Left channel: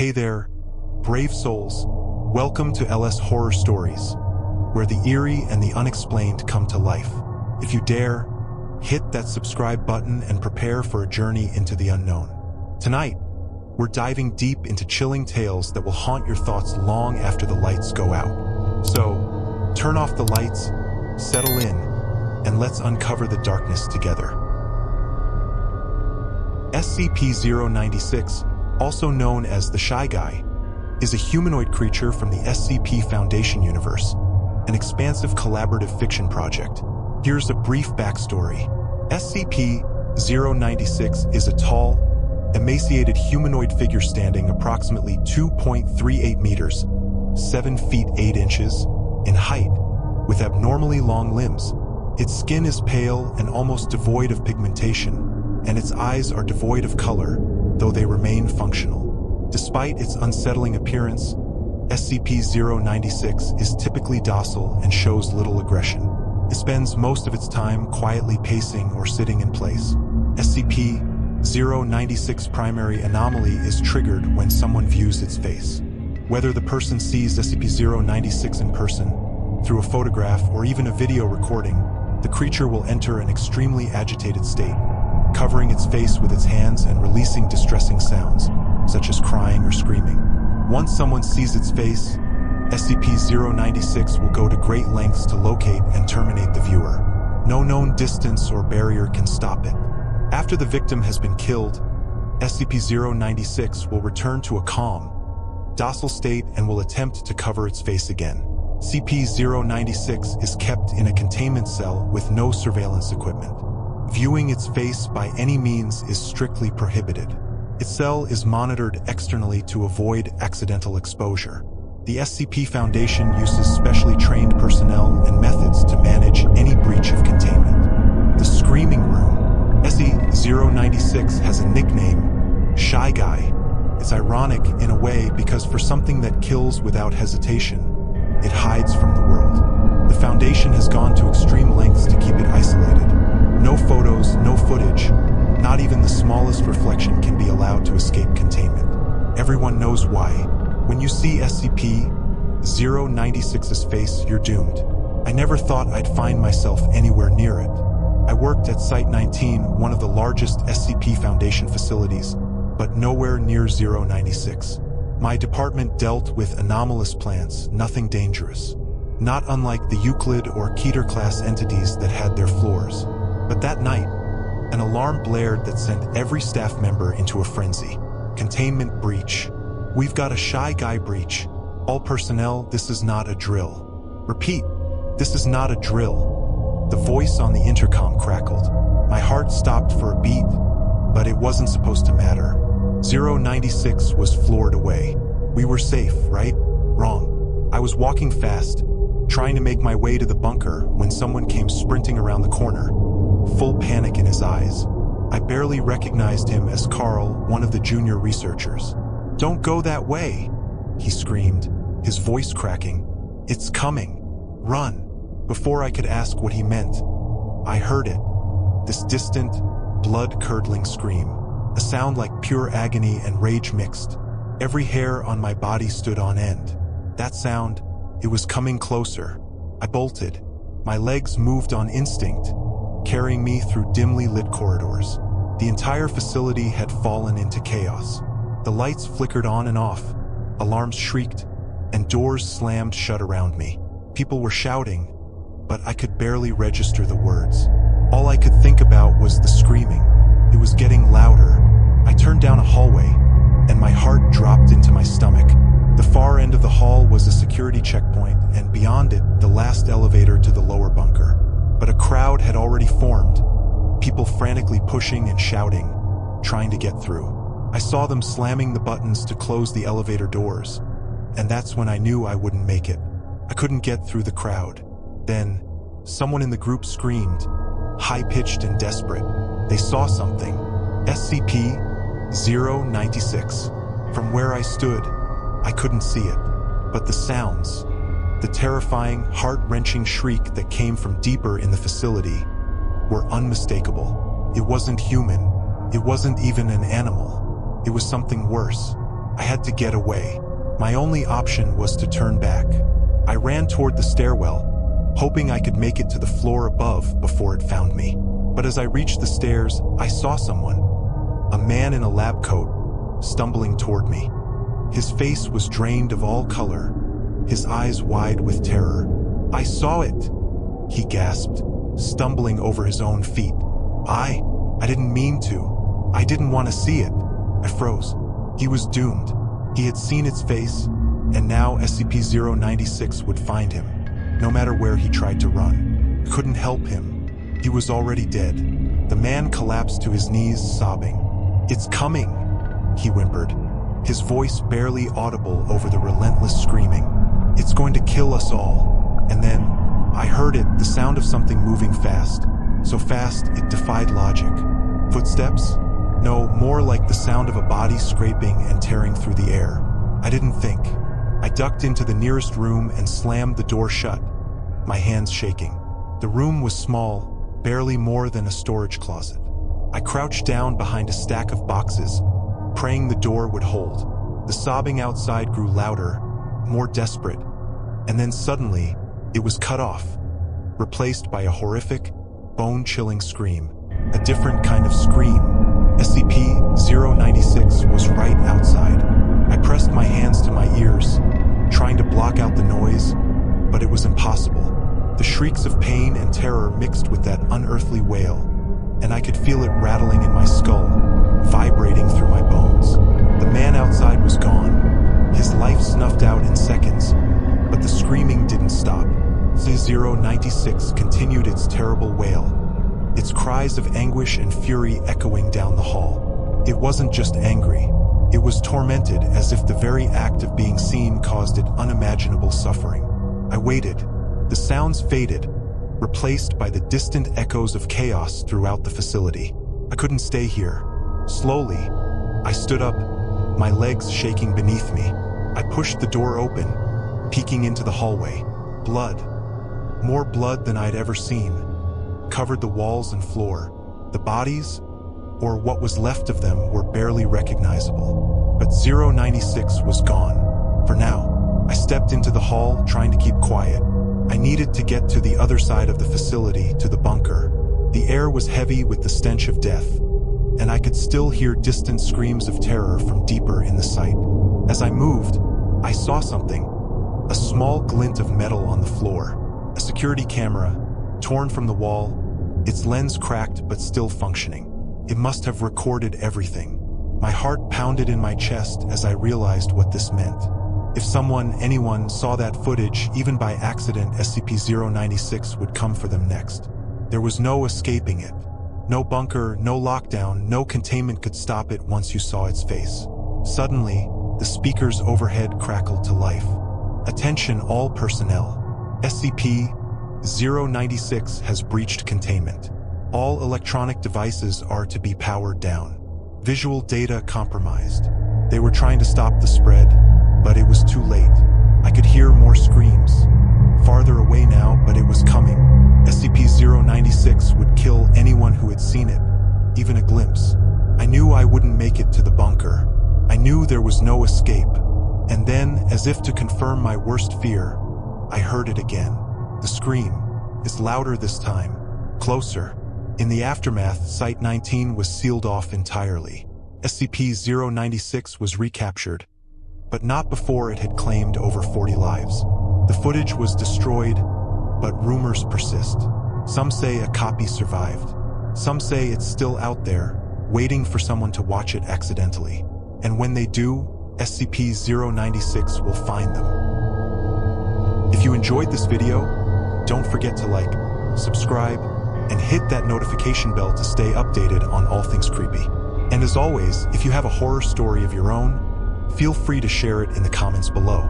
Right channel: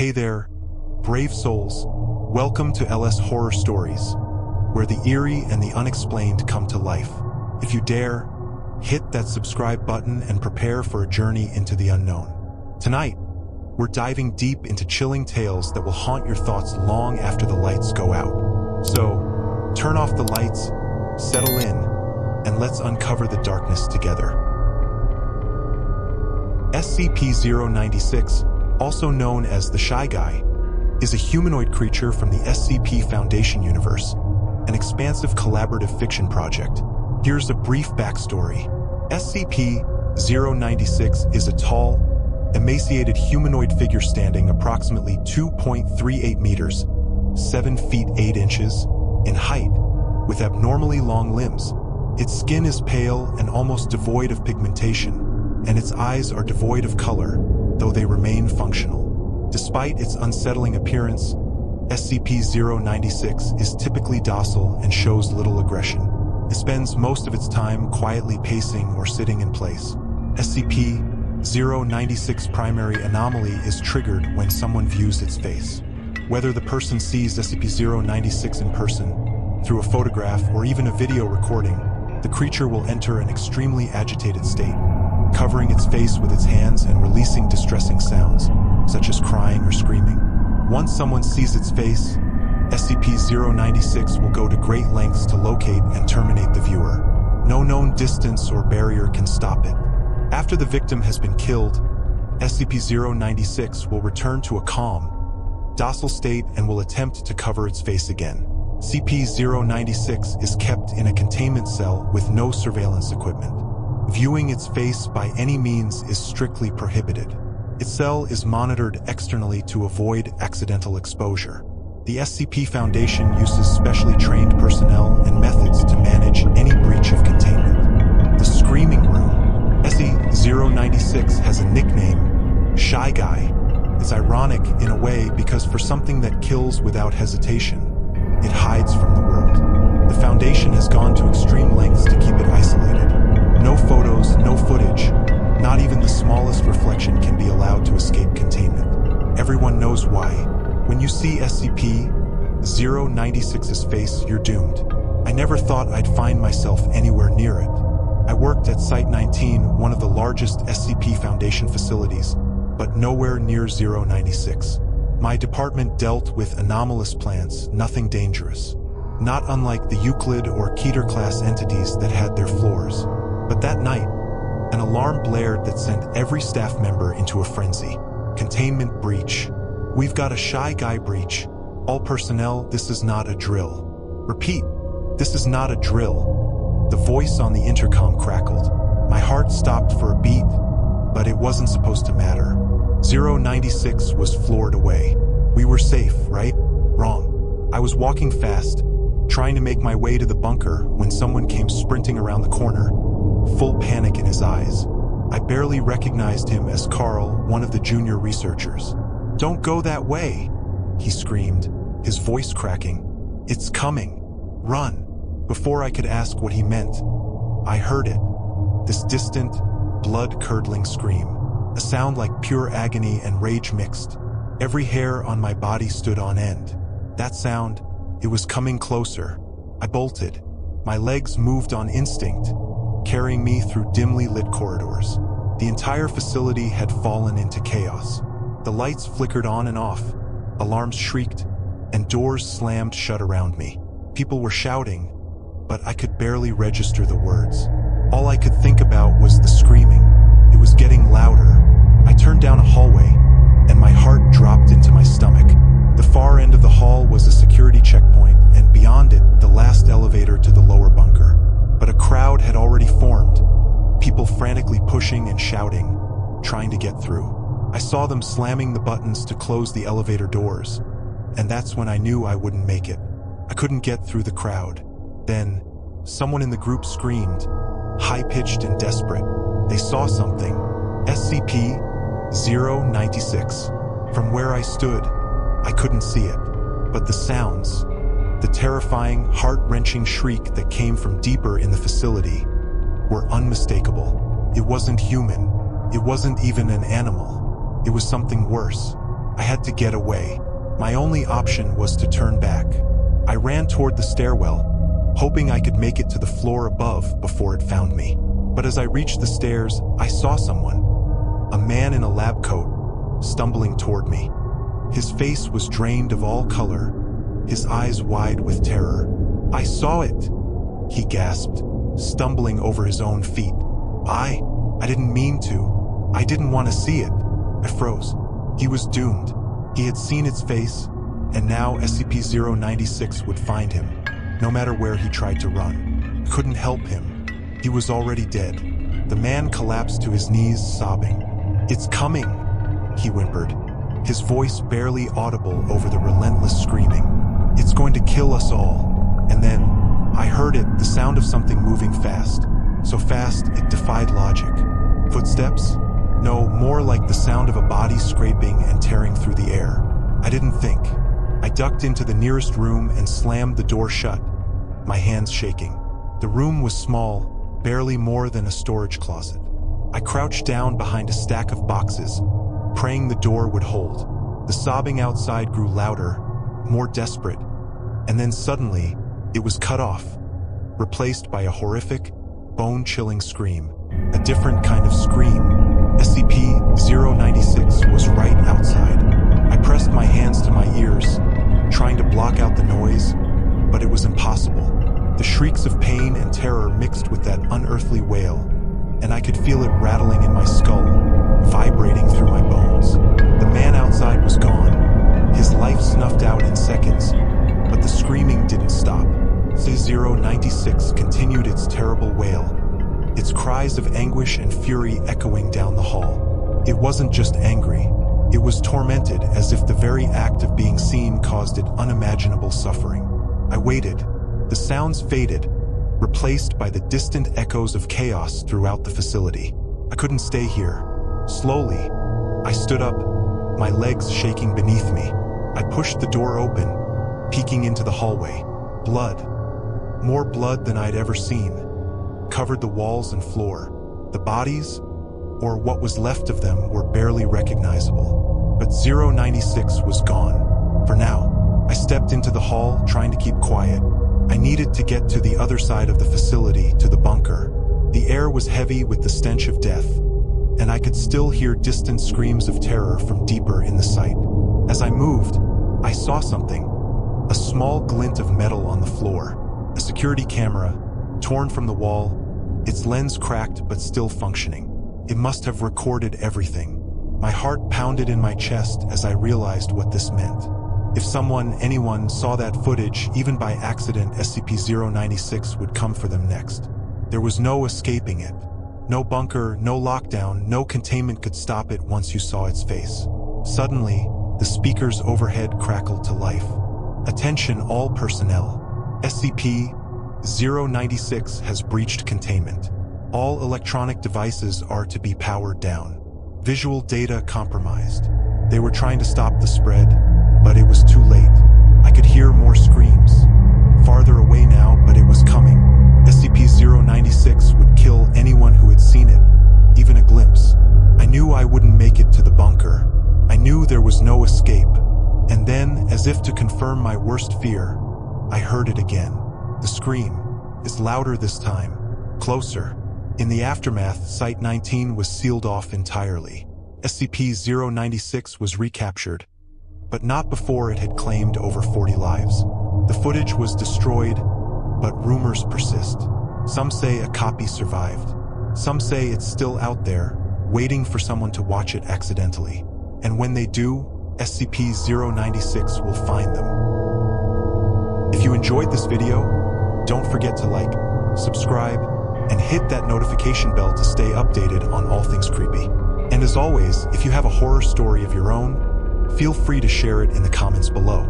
Hey there, brave souls. Welcome to LS Horror Stories, where the eerie and the unexplained come to life. If you dare, hit that subscribe button and prepare for a journey into the unknown. Tonight, we're diving deep into chilling tales that will haunt your thoughts long after the lights go out. So, turn off the lights, settle in, and let's uncover the darkness together. SCP-096, also known as the Shy Guy, is a humanoid creature from the SCP Foundation universe, an expansive collaborative fiction project. Here's a brief backstory. SCP-096 is a tall, emaciated humanoid figure standing approximately 2.38 meters, 7 feet 8 inches, in height, with abnormally long limbs. Its skin is pale and almost devoid of pigmentation, and its eyes are devoid of color, though they remain functional. Despite its unsettling appearance, SCP-096 is typically docile and shows little aggression. It spends most of its time quietly pacing or sitting in place. SCP-096's primary anomaly is triggered when someone views its face. Whether the person sees SCP-096 in person, through a photograph, or even a video recording, the creature will enter an extremely agitated state, covering its face with its hands and releasing distressing sounds, such as crying or screaming. Once someone sees its face, SCP-096 will go to great lengths to locate and terminate the viewer. No known distance or barrier can stop it. After the victim has been killed, SCP-096 will return to a calm, docile state and will attempt to cover its face again. SCP-096 is kept in a containment cell with no surveillance equipment. Viewing its face by any means is strictly prohibited. Its cell is monitored externally to avoid accidental exposure. The SCP Foundation uses specially trained personnel and methods to manage any breach of containment. The Screaming Room. SCP-096 has a nickname, Shy Guy. It's ironic in a way because for something that kills without hesitation, it hides from the world. The Foundation has gone to extreme lengths to keep it isolated. No photos, no footage, not even the smallest reflection can be allowed to escape containment. Everyone knows why. When you see SCP-096's face, you're doomed. I never thought I'd find myself anywhere near it. I worked at Site-19, one of the largest SCP Foundation facilities, but nowhere near 096. My department dealt with anomalous plants, nothing dangerous. Not unlike the Euclid or Keter-class entities that had their floors. But that night, an alarm blared that sent every staff member into a frenzy. Containment breach. We've got a Shy Guy breach. All personnel, this is not a drill. Repeat, this is not a drill. The voice on the intercom crackled. My heart stopped for a beat, but it wasn't supposed to matter. 096 was floored away. We were safe, right? Wrong. I was walking fast, trying to make my way to the bunker when someone came sprinting around the corner, full panic in his eyes. I barely recognized him as Carl, one of the junior researchers. "Don't go that way," he screamed, his voice cracking. "It's coming. Run." Before I could ask what he meant, I heard it. This distant, blood-curdling scream. A sound like pure agony and rage mixed. Every hair on my body stood on end. That sound, it was coming closer. I bolted. My legs moved on instinct, carrying me through dimly lit corridors. The entire facility had fallen into chaos. The lights flickered on and off, alarms shrieked, and doors slammed shut around me. People were shouting, but I could barely register the words. All I could think about was the screaming. It was getting louder. I turned down a hallway, and my heart dropped into my stomach. The far end of the hall was a security checkpoint, and beyond it, the last elevator to the lower bunker. But a crowd had already formed, people frantically pushing and shouting, trying to get through. I saw them slamming the buttons to close the elevator doors, and that's when I knew I wouldn't make it. I couldn't get through the crowd. Then, someone in the group screamed, high-pitched and desperate. They saw something. SCP-096. From where I stood, I couldn't see it, but the sounds, the terrifying, heart-wrenching shriek that came from deeper in the facility, were unmistakable. It wasn't human. It wasn't even an animal. It was something worse. I had to get away. My only option was to turn back. I ran toward the stairwell, hoping I could make it to the floor above before it found me. But as I reached the stairs, I saw someone. A man in a lab coat, stumbling toward me. His face was drained of all color, his eyes wide with terror. "I saw it," he gasped, stumbling over his own feet. I didn't mean to. I didn't want to see it." I froze. He was doomed. He had seen its face, and now SCP-096 would find him, no matter where he tried to run. I couldn't help him. He was already dead. The man collapsed to his knees, sobbing. "It's coming," he whimpered, his voice barely audible over the relentless screaming. "It's going to kill us all." And then, I heard it, the sound of something moving fast. So fast, it defied logic. Footsteps? No, more like the sound of a body scraping and tearing through the air. I didn't think. I ducked into the nearest room and slammed the door shut, my hands shaking. The room was small, barely more than a storage closet. I crouched down behind a stack of boxes, praying the door would hold. The sobbing outside grew louder, more desperate, and then suddenly, it was cut off, replaced by a horrific, bone-chilling scream. A different kind of scream. SCP-096 was right outside. I pressed my hands to my ears, trying to block out the noise, but it was impossible. The shrieks of pain and terror mixed with that unearthly wail, and I could feel it rattling in my skull, vibrating through my bones. The man outside was gone, his life snuffed out in seconds, but the screaming didn't stop. SCP-096 continued its terrible wail, its cries of anguish and fury echoing down the hall. It wasn't just angry, it was tormented, as if the very act of being seen caused it unimaginable suffering. I waited. The sounds faded, replaced by the distant echoes of chaos throughout the facility. I couldn't stay here. Slowly, I stood up, my legs shaking beneath me. I pushed the door open, peeking into the hallway. Blood. More blood than I'd ever seen, covered the walls and floor. The bodies, or what was left of them, were barely recognizable. But 096 was gone. For now, I stepped into the hall, trying to keep quiet. I needed to get to the other side of the facility, to the bunker. The air was heavy with the stench of death, and I could still hear distant screams of terror from deeper in the site. As I moved, I saw something. A small glint of metal on the floor. A security camera, torn from the wall, its lens cracked but still functioning. It must have recorded everything. My heart pounded in my chest as I realized what this meant. If anyone saw that footage, even by accident, SCP-096 would come for them next. There was no escaping it. No bunker, no lockdown, no containment could stop it once you saw its face. Suddenly, the speakers overhead crackled to life. "Attention all personnel. SCP-096 has breached containment. All electronic devices are to be powered down. Visual data compromised." They were trying to stop the spread, but it was too late. I could hear more screams. Farther away now, but it was coming. SCP-096 would kill anyone who had seen it, even a glimpse. I knew I wouldn't make it to the bunker. I knew there was no escape. And then, as if to confirm my worst fear, I heard it again. The scream. It's louder this time. Closer. In the aftermath, Site-19 was sealed off entirely. SCP-096 was recaptured, but not before it had claimed over 40 lives. The footage was destroyed, but rumors persist. Some say a copy survived. Some say it's still out there, waiting for someone to watch it accidentally. And when they do, SCP-096 will find them. If you enjoyed this video, don't forget to like, subscribe, and hit that notification bell to stay updated on all things creepy. And as always, if you have a horror story of your own, feel free to share it in the comments below.